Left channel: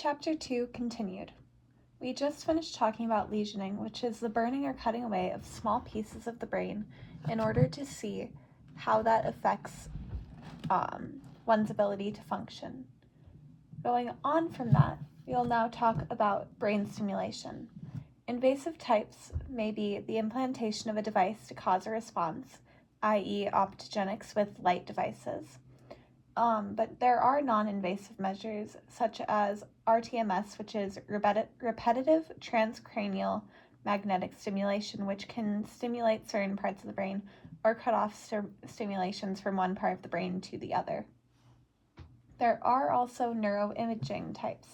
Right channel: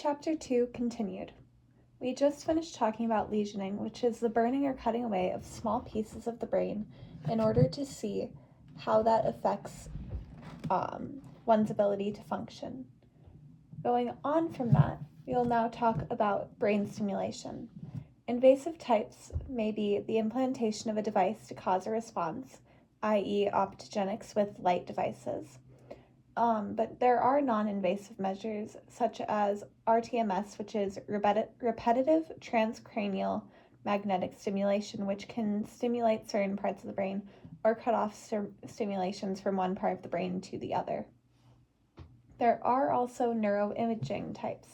Chapter 2 continued. We just finished talking about lesioning, which is the burning or cutting away of small pieces of the brain in order to see how that affects one's ability to function. Going on from that, we will now talk about brain stimulation. Invasive types may be the implantation of a device to cause a response, i.e. optogenics with light devices. But there are non-invasive measures such as RTMS, which is repetitive transcranial magnetic stimulation, which can stimulate certain parts of the brain or cut off stimulations from one part of the brain to the other. There are also neuroimaging types,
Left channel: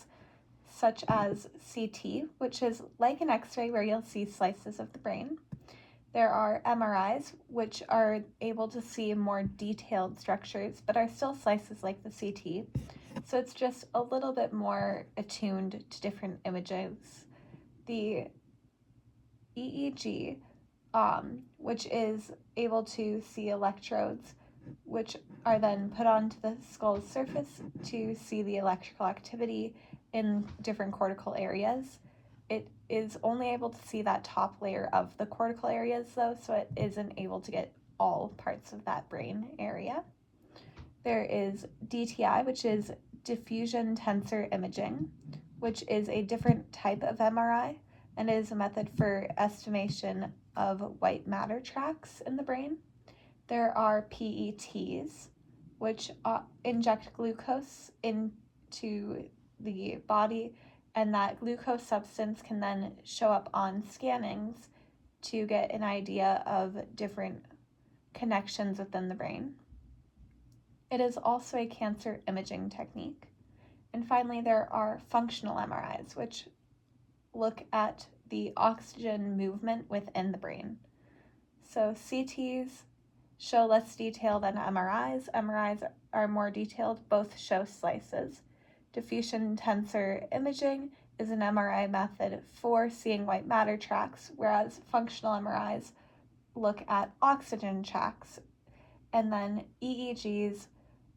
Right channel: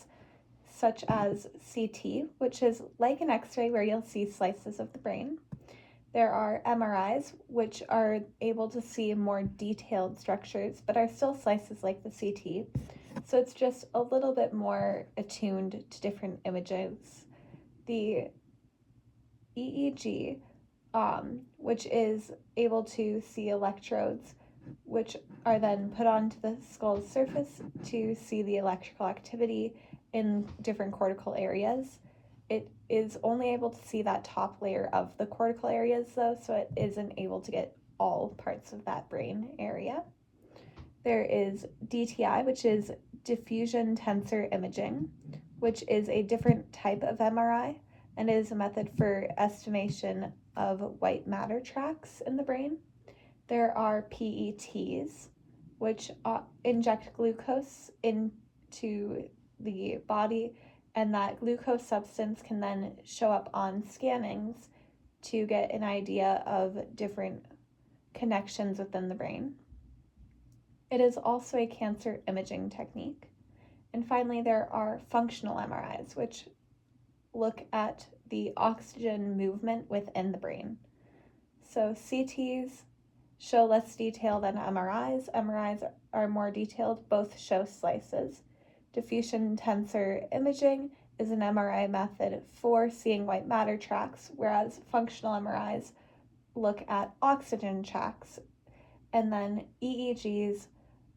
such as CT, which is like an X-ray where you'll see slices of the brain. There are MRIs, which are able to see more detailed structures, but are still slices like the CT. So it's just a little bit more attuned to different images. The EEG, which is able to see electrodes, which are then put onto the skull's surface to see the electrical activity in different cortical areas. It is only able to see that top layer of the cortical areas though, so it isn't able to get all parts of that brain area. There is DTI, which is diffusion tensor imaging, which is a different type of MRI and is a method for estimation of white matter tracts in the brain. There are PETs, which inject glucose into the body, and that glucose substance can then show up on scannings to get an idea of different connections within the brain. It is also a cancer imaging technique. And finally, there are functional MRIs, which look at the oxygen movement within the brain. So CTs show less detail than MRIs. MRIs are more detailed, both show slices. Diffusion tensor imaging is an MRI method for seeing white matter tracts, whereas functional MRIs look at oxygen tracts. And then EEGs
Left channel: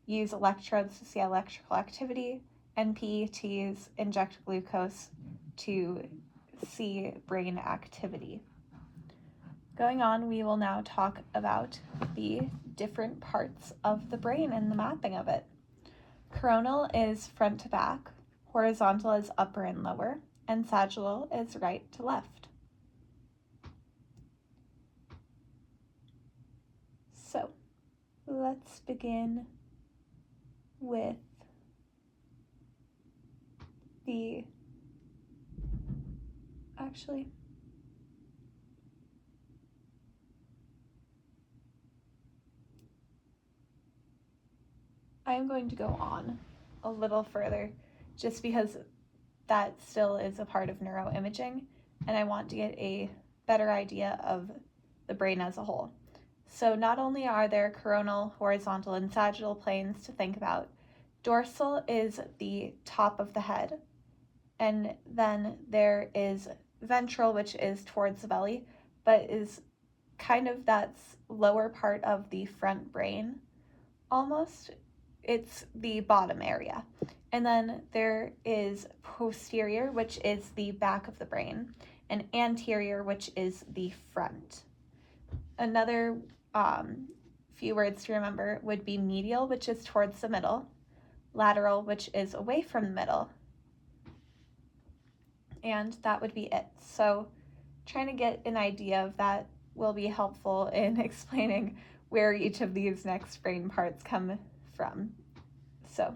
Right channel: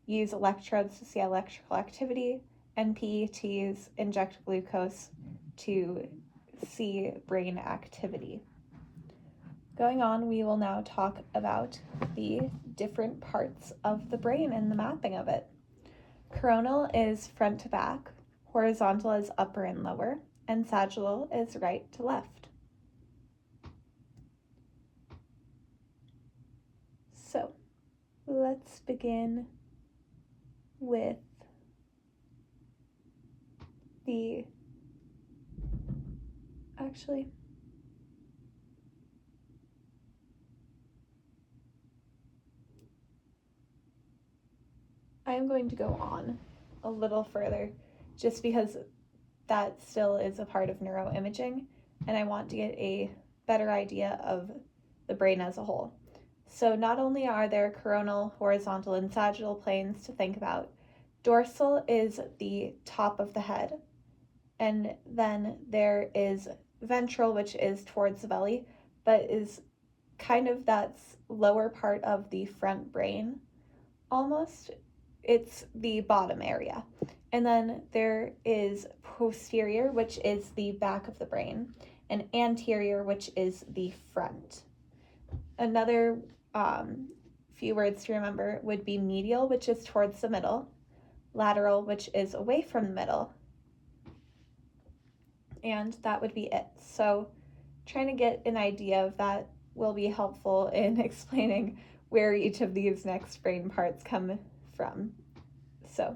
use electrodes to see electrical activity, and PETs inject glucose to see brain activity. Going on, we will now talk about the different parts of the brain and the mapping of it. Coronal is front to back, horizontal is upper and lower, and sagittal is right to left. So, let's begin with I am going to go on a little further just because that still is a part of neuroimaging, and I want to get a better idea of the brain as a whole. So not only are there coronal, horizontal, and sagittal planes to think about, dorsal is the top of the head, and then there is ventral, which is towards the belly, but is kind of that's lower part of the front brain almost. It's the bottom area. And then there is posterior, which is the back of the brain, and anterior, which is the front. Another few words to remember would be medial, which is towards the middle, lateral, which is away from the middle, and that would be it. So trying to get an idea of that will be helpful in explaining where each of these next brain parts come from. So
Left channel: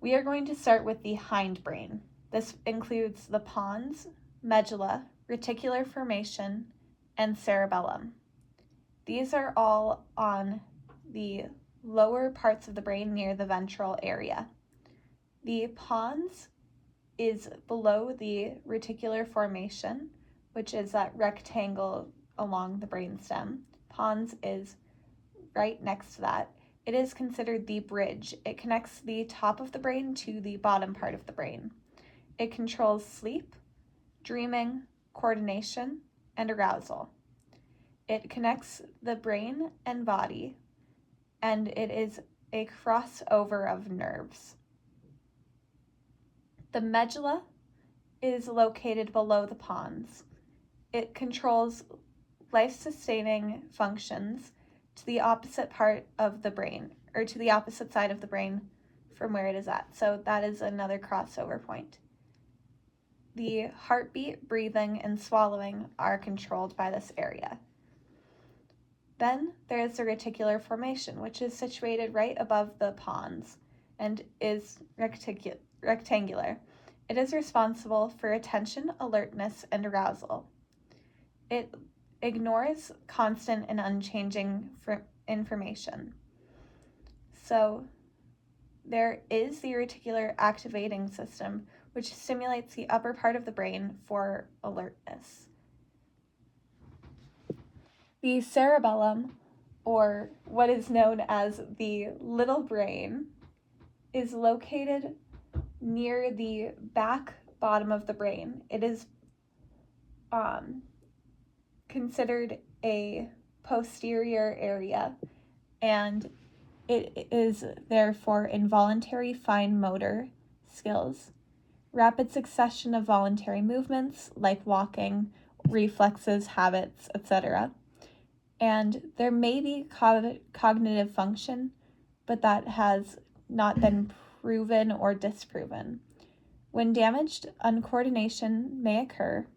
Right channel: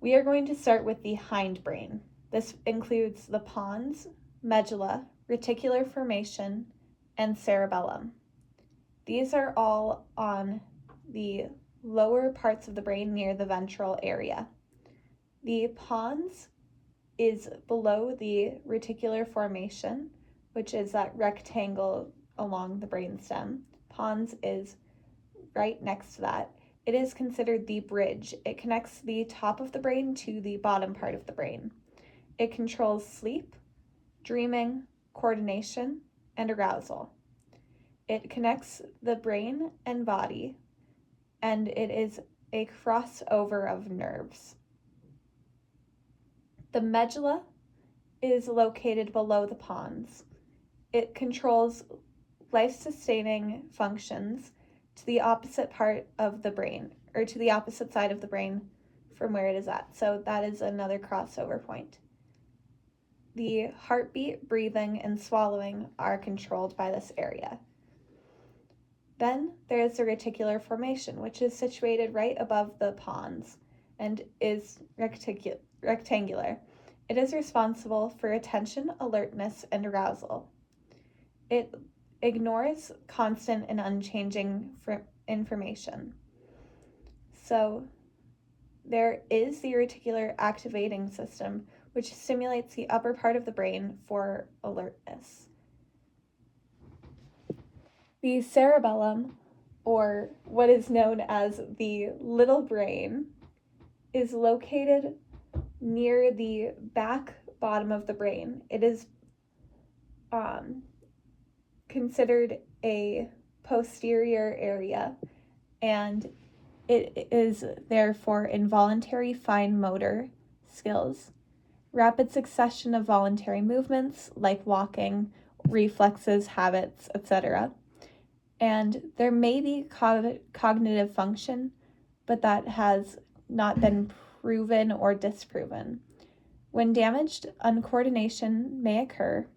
we are going to start with the hindbrain. This includes the pons, medulla, reticular formation, and cerebellum. These are all on the lower parts of the brain near the ventral area. The pons is below the reticular formation, which is that rectangle along the brainstem. Pons is right next to that. It is considered the bridge. It connects the top of the brain to the bottom part of the brain. It controls sleep, dreaming, coordination, and arousal. It connects the brain and body, and it is a crossover of nerves. The medulla is located below the pons. It controls life-sustaining functions to the opposite part of the brain, or to the opposite side of the brain from where it is at. So that is another crossover point. The heartbeat, breathing, and swallowing are controlled by this area. Then there is the reticular formation, which is situated right above the pons and is rectangular. It is responsible for attention, alertness, and arousal. It ignores constant and unchanging information. So there is the reticular activating system, which stimulates the upper part of the brain for alertness. The cerebellum, or what is known as the little brain, is located near the back bottom of the brain. It is considered a posterior area, and it is there for involuntary fine motor skills, rapid succession of voluntary movements like walking, reflexes, habits, etc. And there may be cognitive function, but that has not been proven or disproven. When damaged, uncoordination may occur,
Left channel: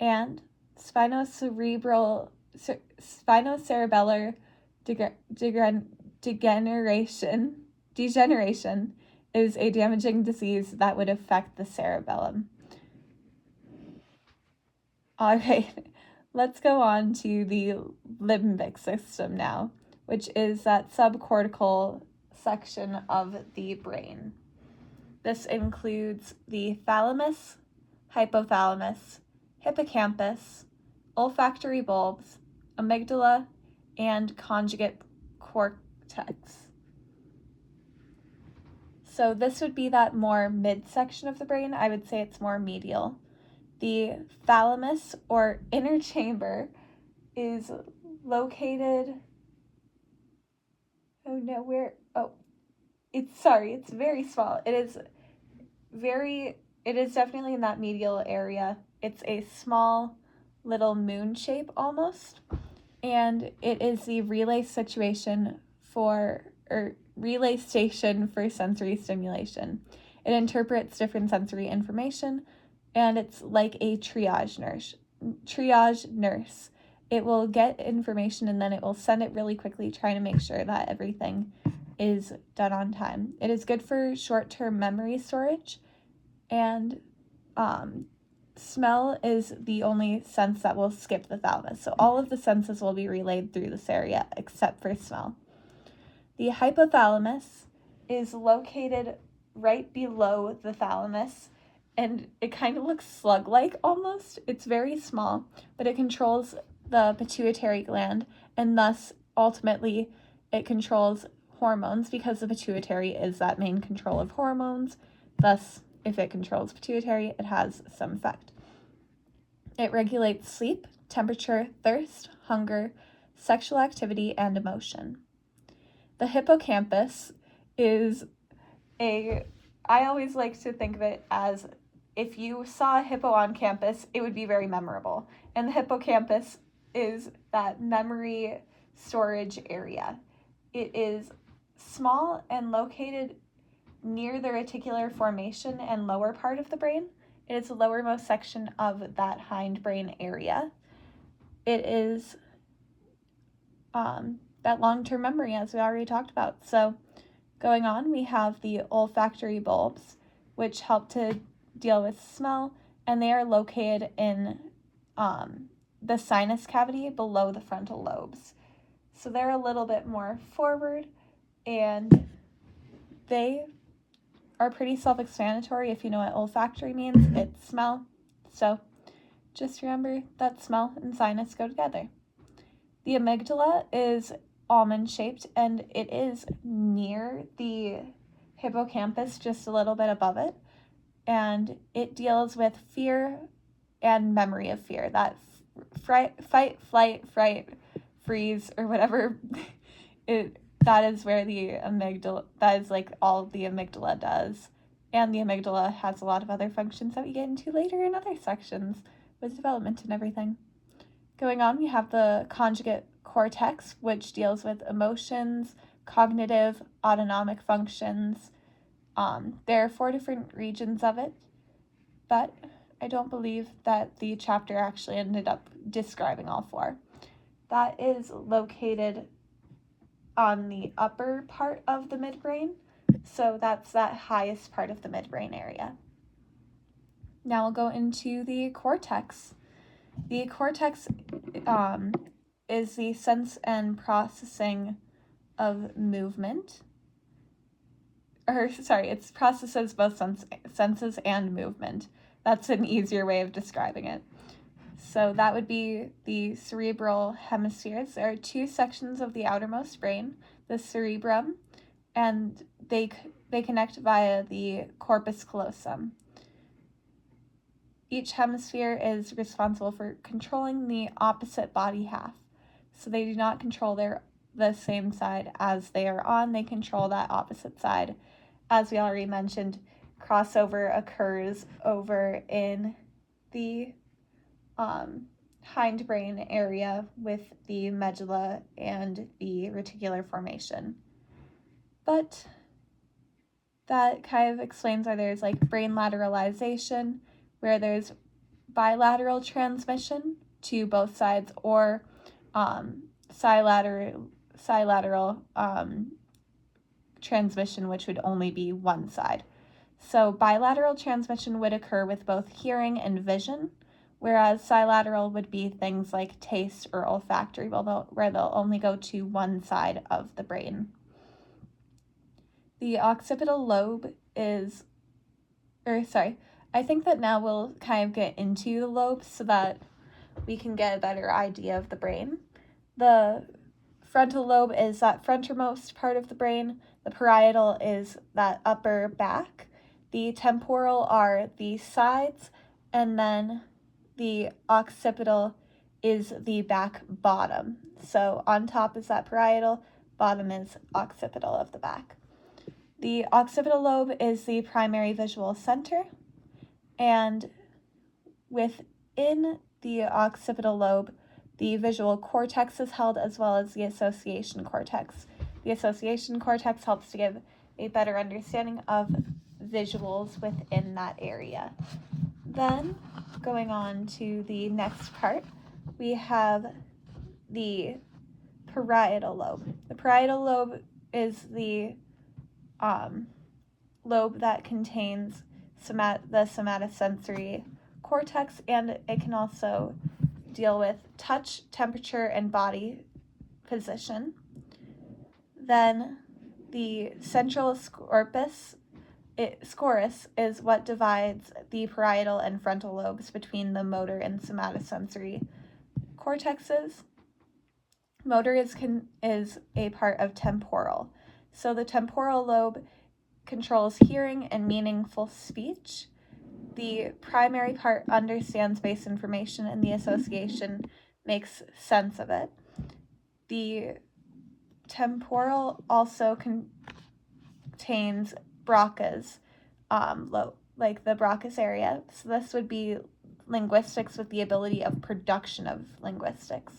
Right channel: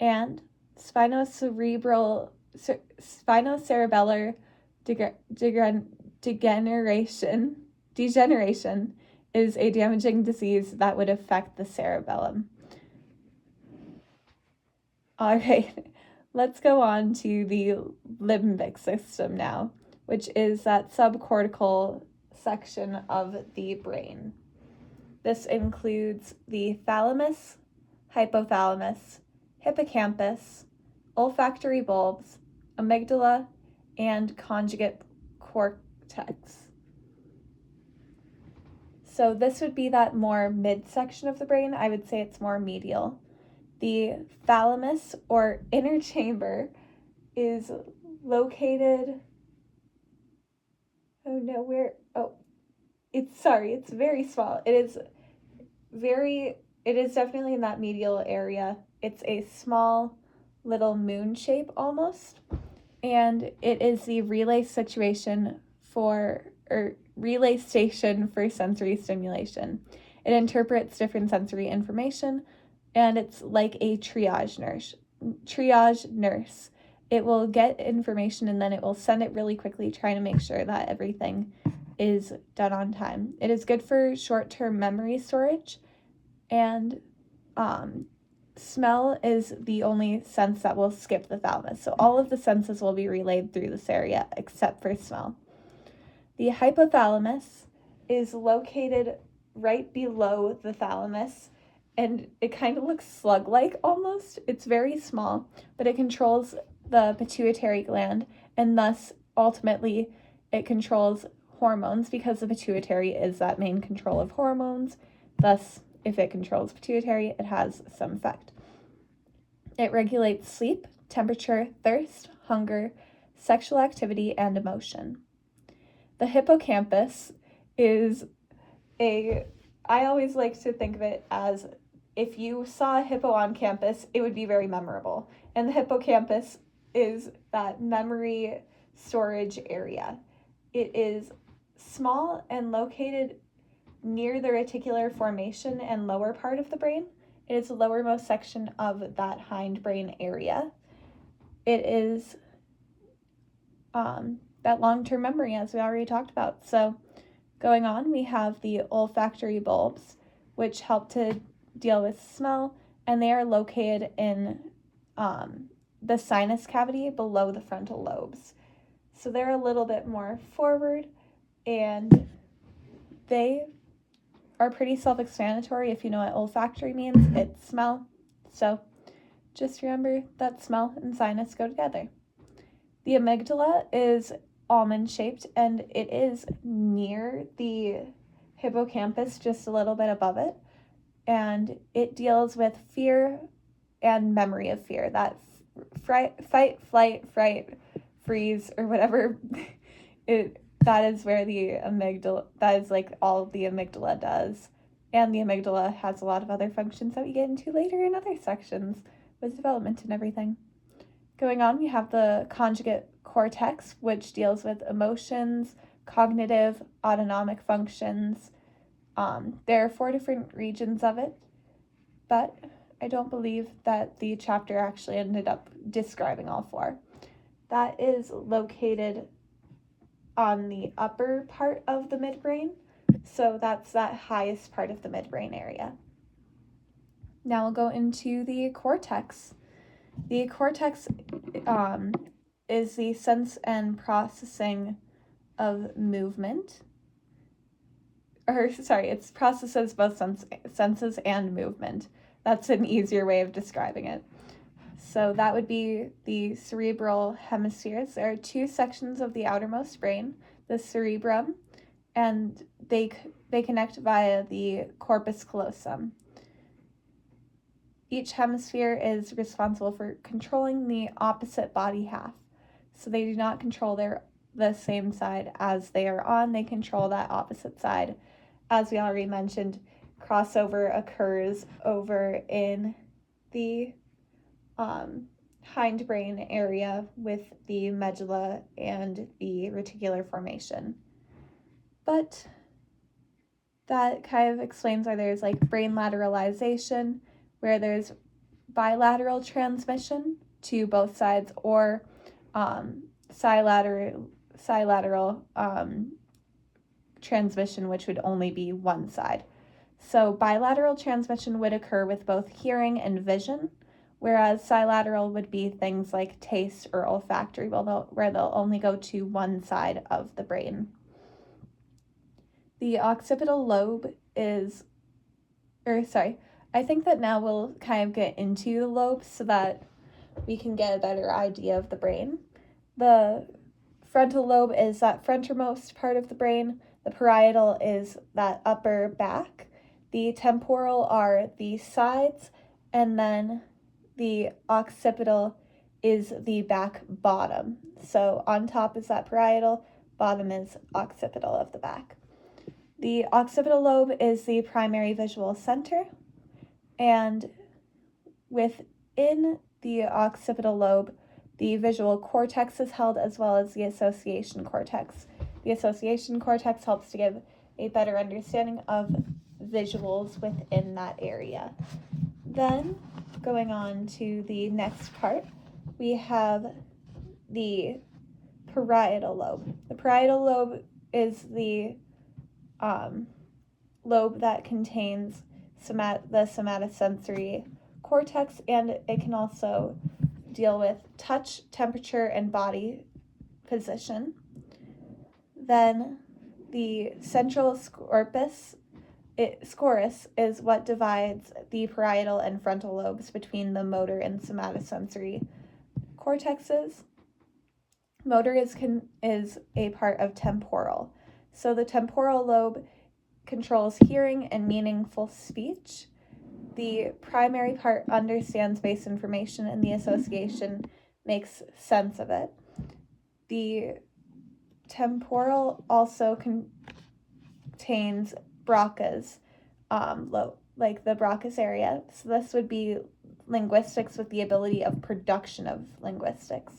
and spinocerebellar degeneration is a damaging disease that would affect the cerebellum. All right, let's go on to the limbic system now, which is that subcortical section of the brain. This includes the thalamus, hypothalamus, hippocampus, olfactory bulbs, amygdala, and conjugate cortex. So this would be that more midsection of the brain. I would say it's more medial. The thalamus, or inner chamber, is located, it's very small. It is definitely in that medial area. It's a small little moon shape almost, and it is the relay station for sensory stimulation. It interprets different sensory information, and it's like a triage nurse. It will get information and then it will send it really quickly, trying to make sure that everything is done on time. It is good for short-term memory storage, and smell is the only sense that will skip the thalamus. So all of the senses will be relayed through this area except for smell. The hypothalamus is located right below the thalamus, and it kind of looks slug-like almost. It's very small, but it controls the pituitary gland, and thus ultimately it controls hormones, because the pituitary is that main control of hormones. Thus, if it controls pituitary, it has some effect. It regulates sleep, temperature, thirst, hunger, sexual activity, and emotion. The hippocampus is I always like to think of it as, if you saw a hippo on campus, it would be very memorable. And the hippocampus is that memory storage area. It is small and located near the reticular formation and lower part of the brain. It is the lowermost section of that hindbrain area. It is that long-term memory, as we already talked about. So going on, we have the olfactory bulbs, which help to deal with smell, and they are located in the sinus cavity below the frontal lobes. So they're a little bit more forward, and they are pretty self-explanatory. If you know what olfactory means, it's smell. So just remember that smell and sinus go together. The amygdala is almond-shaped, and it is near the hippocampus, just a little bit above it, and it deals with fear and memory of fear, that fight, flight, fright, freeze, or whatever. That is where the amygdala, that is like all the amygdala does. And the amygdala has a lot of other functions that we get into later in other sections with development and everything. Going on, we have the conjugate cortex, which deals with emotions, cognitive, autonomic functions. There are 4 different regions of it, but I don't believe that the chapter actually ended up describing all 4. That is located on the upper part of the midbrain, so that's that highest part of the midbrain area. Now we'll go into the cortex. The cortex is the sense and processing of movement. It's processes both senses and movement. That's an easier way of describing it. So that would be the cerebral hemispheres. There are 2 sections of the outermost brain, the cerebrum, and they connect via the corpus callosum. Each hemisphere is responsible for controlling the opposite body half. So they do not control the same side as they are on, they control that opposite side. As we already mentioned, crossover occurs over in the hindbrain area with the medulla and the reticular formation. But that kind of explains why there's like brain lateralization, where there's bilateral transmission to both sides, or silateral transmission, which would only be one side. So bilateral transmission would occur with both hearing and vision, whereas silateral would be things like taste or olfactory, where they'll only go to one side of the brain. The occipital lobe I think that now we'll kind of get into the lobes so that we can get a better idea of the brain. The frontal lobe is that frontermost part of the brain. The parietal is that upper back. The temporal are the sides, and then the occipital is the back bottom. So on top is that parietal, bottom is occipital of the back. The occipital lobe is the primary visual center, and within the occipital lobe, the visual cortex is held, as well as the association cortex. The association cortex helps to give a better understanding of visuals within that area. Then, going on to the next part, we have the parietal lobe. The parietal lobe is the lobe that contains the somatosensory cortex, and it can also deal with touch, temperature, and body position. Then the central scorus is what divides the parietal and frontal lobes between the motor and somatosensory cortexes. Motor is a part of temporal. So the temporal lobe controls hearing and meaningful speech. The primary part understands base information, and the association makes sense of it. The temporal also contains Broca's, like the Broca's area. So this would be linguistics with the ability of production of linguistics.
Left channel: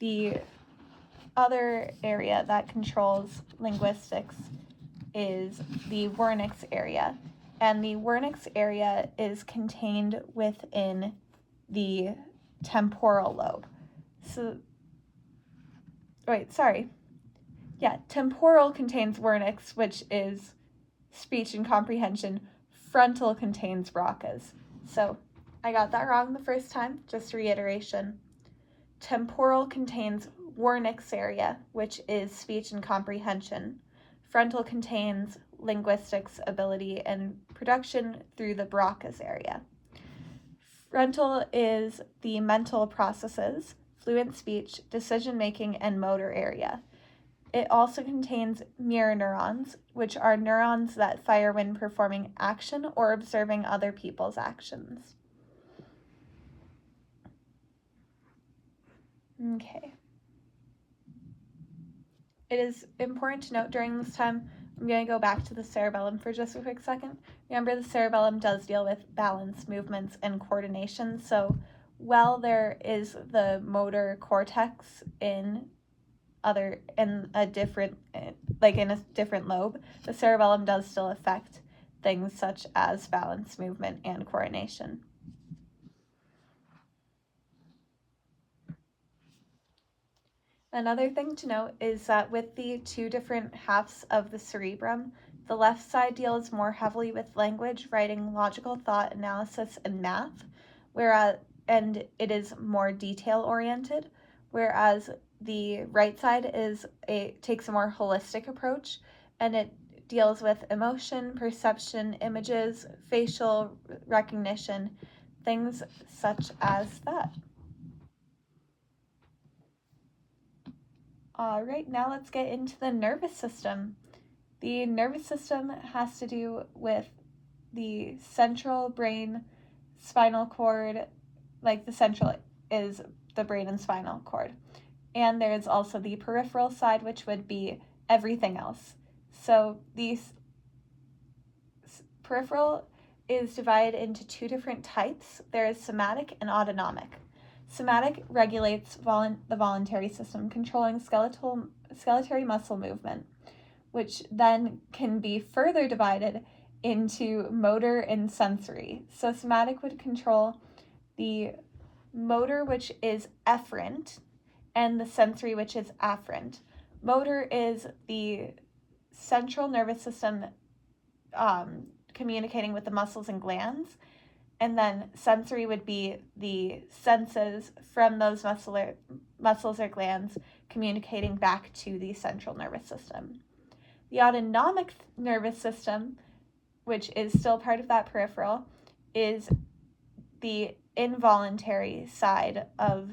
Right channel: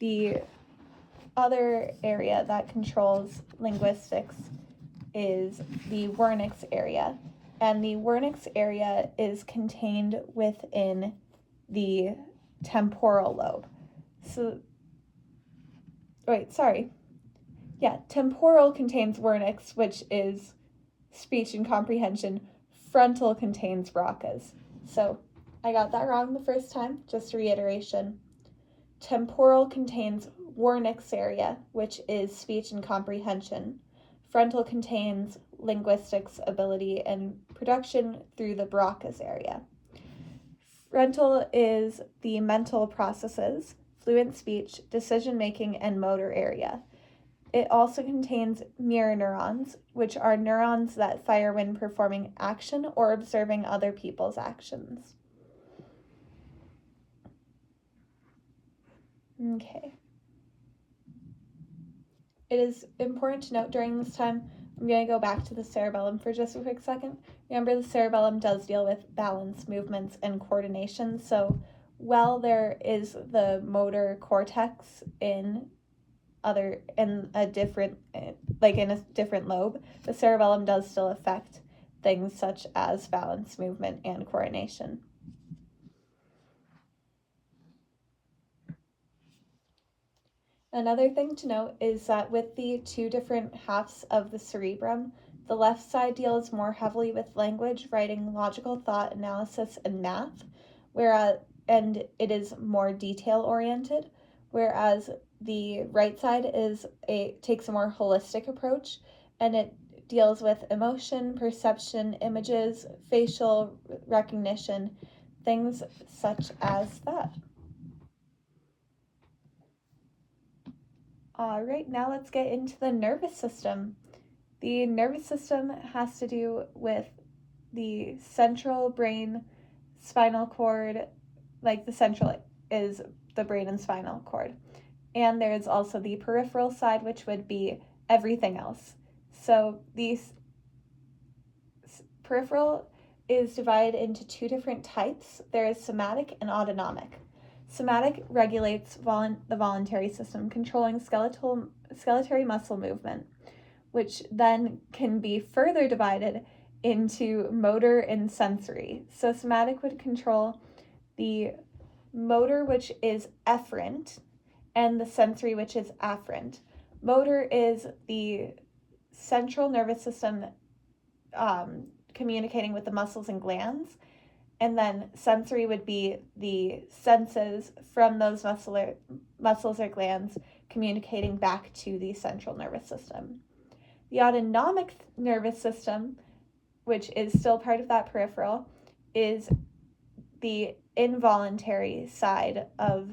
The other area that controls linguistics is the Wernicke's area, and the Wernicke's area is contained within the temporal lobe. Temporal contains Wernicke's, which is speech and comprehension. Frontal contains Broca's. So I got that wrong the first time, just reiteration. Temporal contains Wernicke's area, which is speech and comprehension. Frontal contains linguistics ability and production through the Broca's area. Frontal is the mental processes, fluent speech, decision-making, and motor area. It also contains mirror neurons, which are neurons that fire when performing action or observing other people's actions. Okay. It is important to note during this time I'm going to go back to the cerebellum for just a quick second. Remember, the cerebellum does deal with balance, movements, and coordination. So while there is the motor cortex in a different lobe, the cerebellum does still affect things such as balance, movement, and coordination. Another thing to note is that with the two different halves of the cerebrum, the left side deals more heavily with language, writing, logical thought, analysis, and math, and it is more detail oriented, whereas the right side takes a more holistic approach, and it deals with emotion, perception, images, facial recognition, things such as that. All right, now let's get into the nervous system. The nervous system has to do with the central brain, spinal cord, like the central is the brain and spinal cord. And there's also the peripheral side, which would be everything else. So the peripheral is divided into two different types. There is somatic and autonomic. Somatic regulates the voluntary system, controlling skeletal muscle movement, which then can be further divided into motor and sensory. So somatic would control the motor, which is efferent, and the sensory, which is afferent. Motor is the central nervous system communicating with the muscles and glands, and then sensory would be the senses from those muscles or glands communicating back to the central nervous system. The autonomic nervous system, which is still part of that peripheral, is the involuntary side of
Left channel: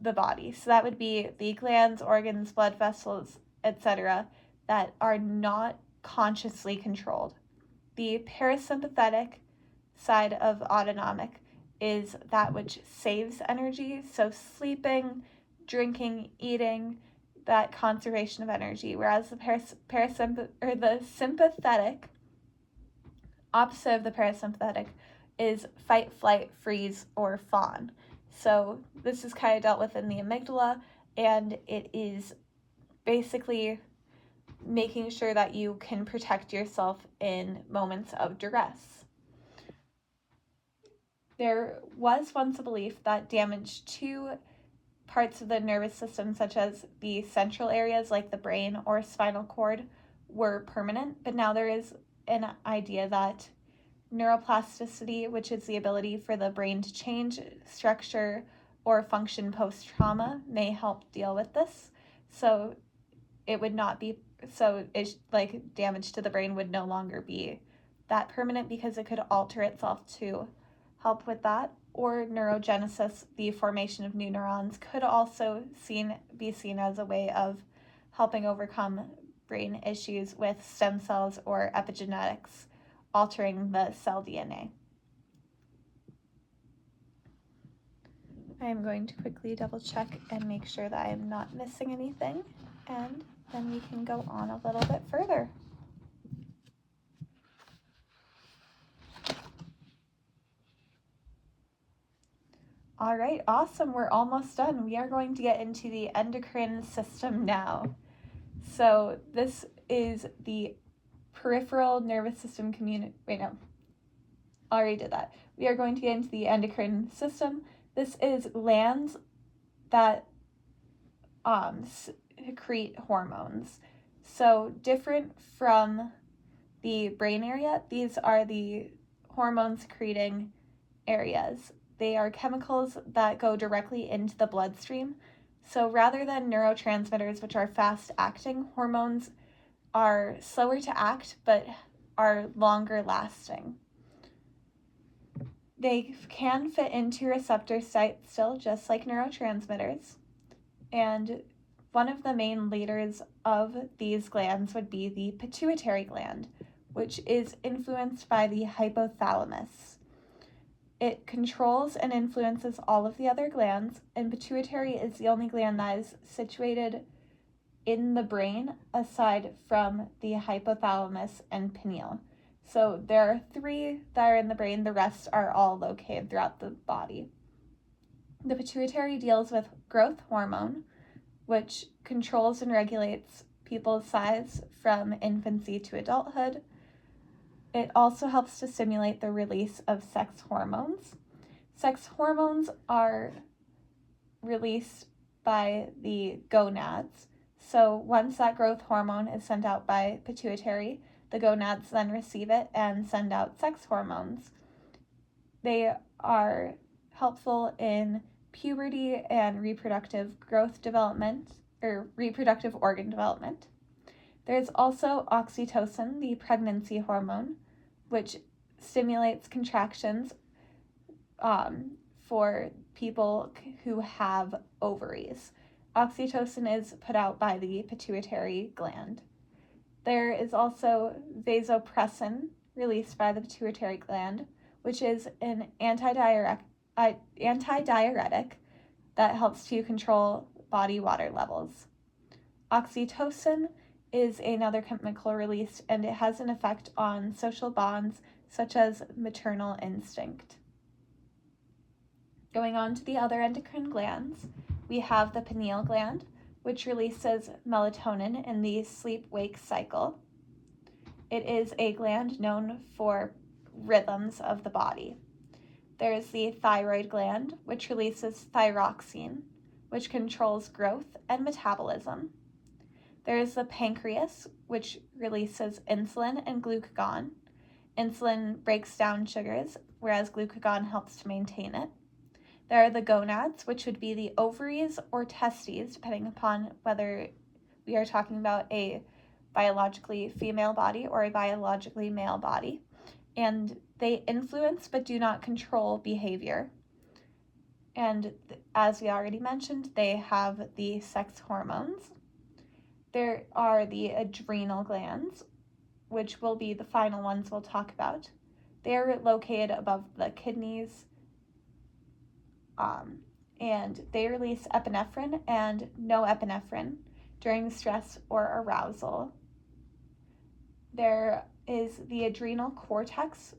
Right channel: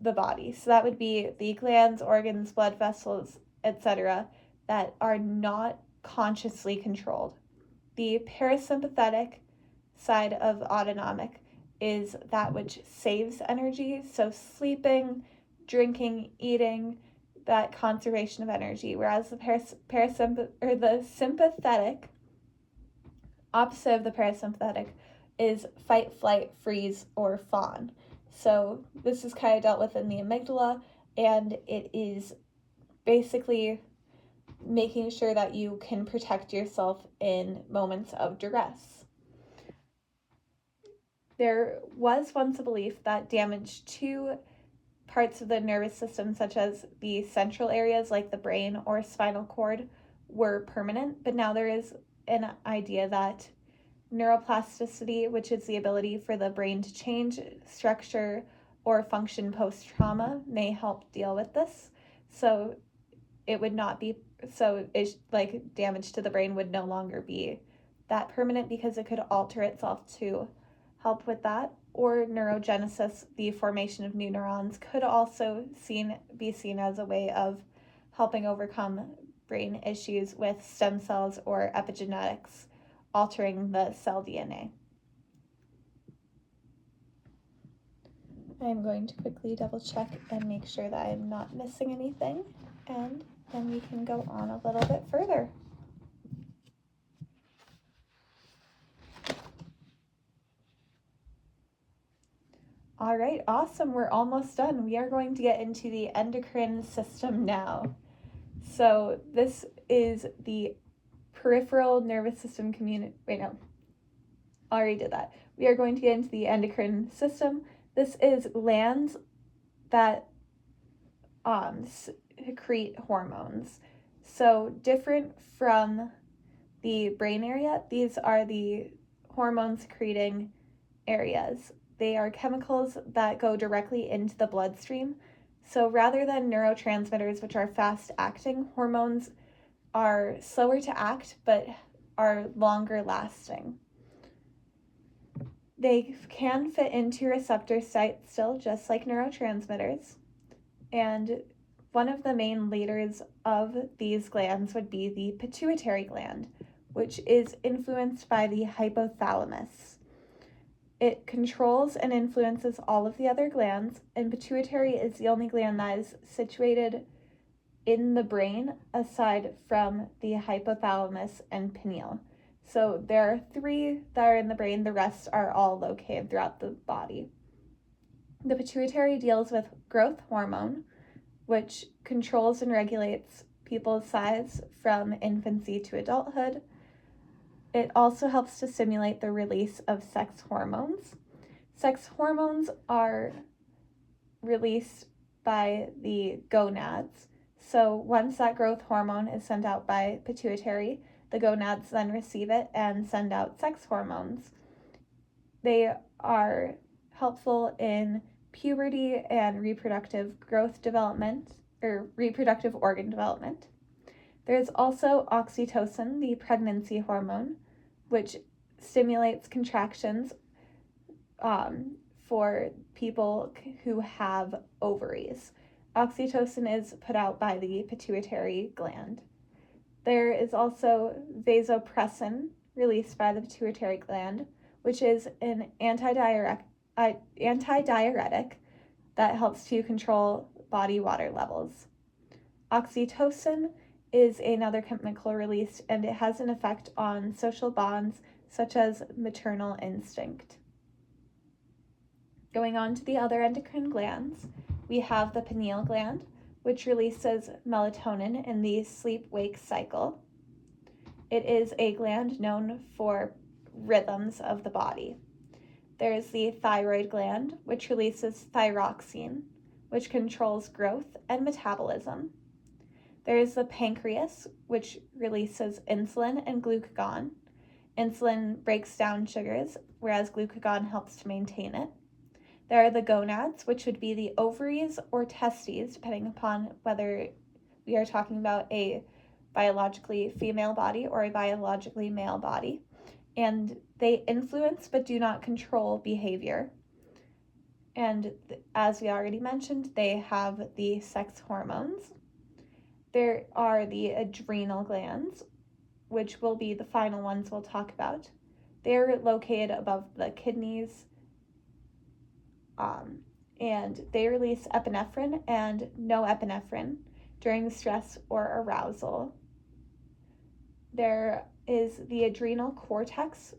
the body. So that would be the glands, organs, blood vessels, etc., that are not consciously controlled. The parasympathetic side of autonomic is that which saves energy, so sleeping, drinking, eating, that conservation of energy, whereas the sympathetic, opposite of the parasympathetic, is fight, flight, freeze, or fawn. So this is kind of dealt with in the amygdala, and it is basically making sure that you can protect yourself in moments of duress. There was once a belief that damage to parts of the nervous system, such as the central areas like the brain or spinal cord, were permanent, but now there is an idea that neuroplasticity, which is the ability for the brain to change structure or function post-trauma, may help deal with this. So it would not be, damage to the brain would no longer be that permanent because it could alter itself to help with that. Or neurogenesis, the formation of new neurons, could also be seen as a way of helping overcome brain issues with stem cells or epigenetics altering the cell DNA. I am going to quickly double check and make sure that I am not missing anything, and then we can go on a little bit further. All right, awesome. We're almost done. We are going to get into the endocrine system now. So this is the peripheral nervous system already did that. We are going to get into the endocrine system. This is glands that secrete hormones. So different from the brain area, these are the hormone secreting areas. They are chemicals that go directly into the bloodstream. So rather than neurotransmitters, which are fast acting, hormones are slower to act but are longer lasting. They can fit into receptor sites still, just like neurotransmitters. And one of the main leaders of these glands would be the pituitary gland, which is influenced by the hypothalamus. It controls and influences all of the other glands, and pituitary is the only gland that is situated in the brain aside from the hypothalamus and pineal. So there are 3 that are in the brain, the rest are all located throughout the body. The pituitary deals with growth hormone, which controls and regulates people's size from infancy to adulthood. It also helps to stimulate the release of sex hormones. Sex hormones are released by the gonads. So once that growth hormone is sent out by pituitary, the gonads then receive it and send out sex hormones. They are helpful in puberty and reproductive growth development, or reproductive organ development. There's also oxytocin, the pregnancy hormone, which stimulates contractions for people who have ovaries. Oxytocin is put out by the pituitary gland. There is also vasopressin released by the pituitary gland, which is an antidiuretic that helps to control body water levels. Oxytocin is another chemical released, and it has an effect on social bonds such as maternal instinct. Going on to the other endocrine glands, we have the pineal gland, which releases melatonin in the sleep-wake cycle. It is a gland known for rhythms of the body. There's the thyroid gland, which releases thyroxine, which controls growth and metabolism. There's the pancreas, which releases insulin and glucagon. Insulin breaks down sugars, whereas glucagon helps to maintain it. There are the gonads, which would be the ovaries or testes, depending upon whether we are talking about a biologically female body or a biologically male body. And they influence but do not control behavior. And as we already mentioned, they have the sex hormones. There are the adrenal glands, which will be the final ones we'll talk about. They're located above the kidneys, and they release epinephrine and norepinephrine during stress or arousal. There is the adrenal cortex,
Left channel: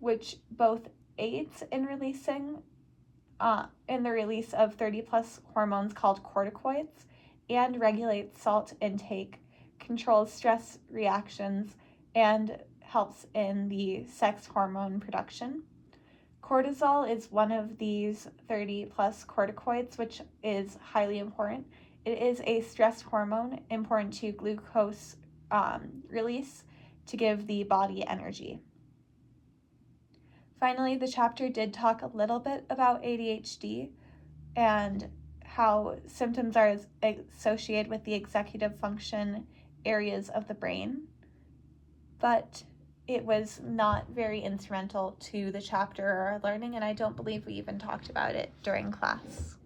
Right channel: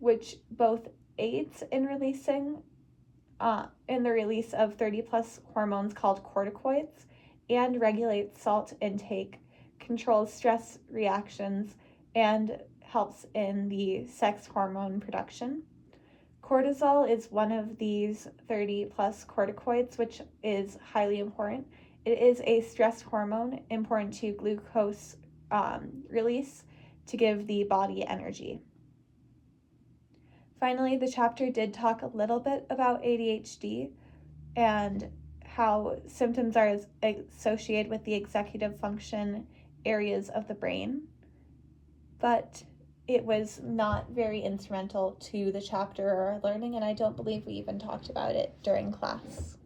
which both aids in the release of 30 plus hormones called corticoids, and regulates salt intake, controls stress reactions, and helps in the sex hormone production. Cortisol is one of these 30 plus corticoids, which is highly important. It is a stress hormone important to glucose release to give the body energy. Finally, the chapter did talk a little bit about ADHD and how symptoms are associated with the executive function areas of the brain, but it was not very instrumental to the chapter or our learning, and I don't believe we even talked about it during class.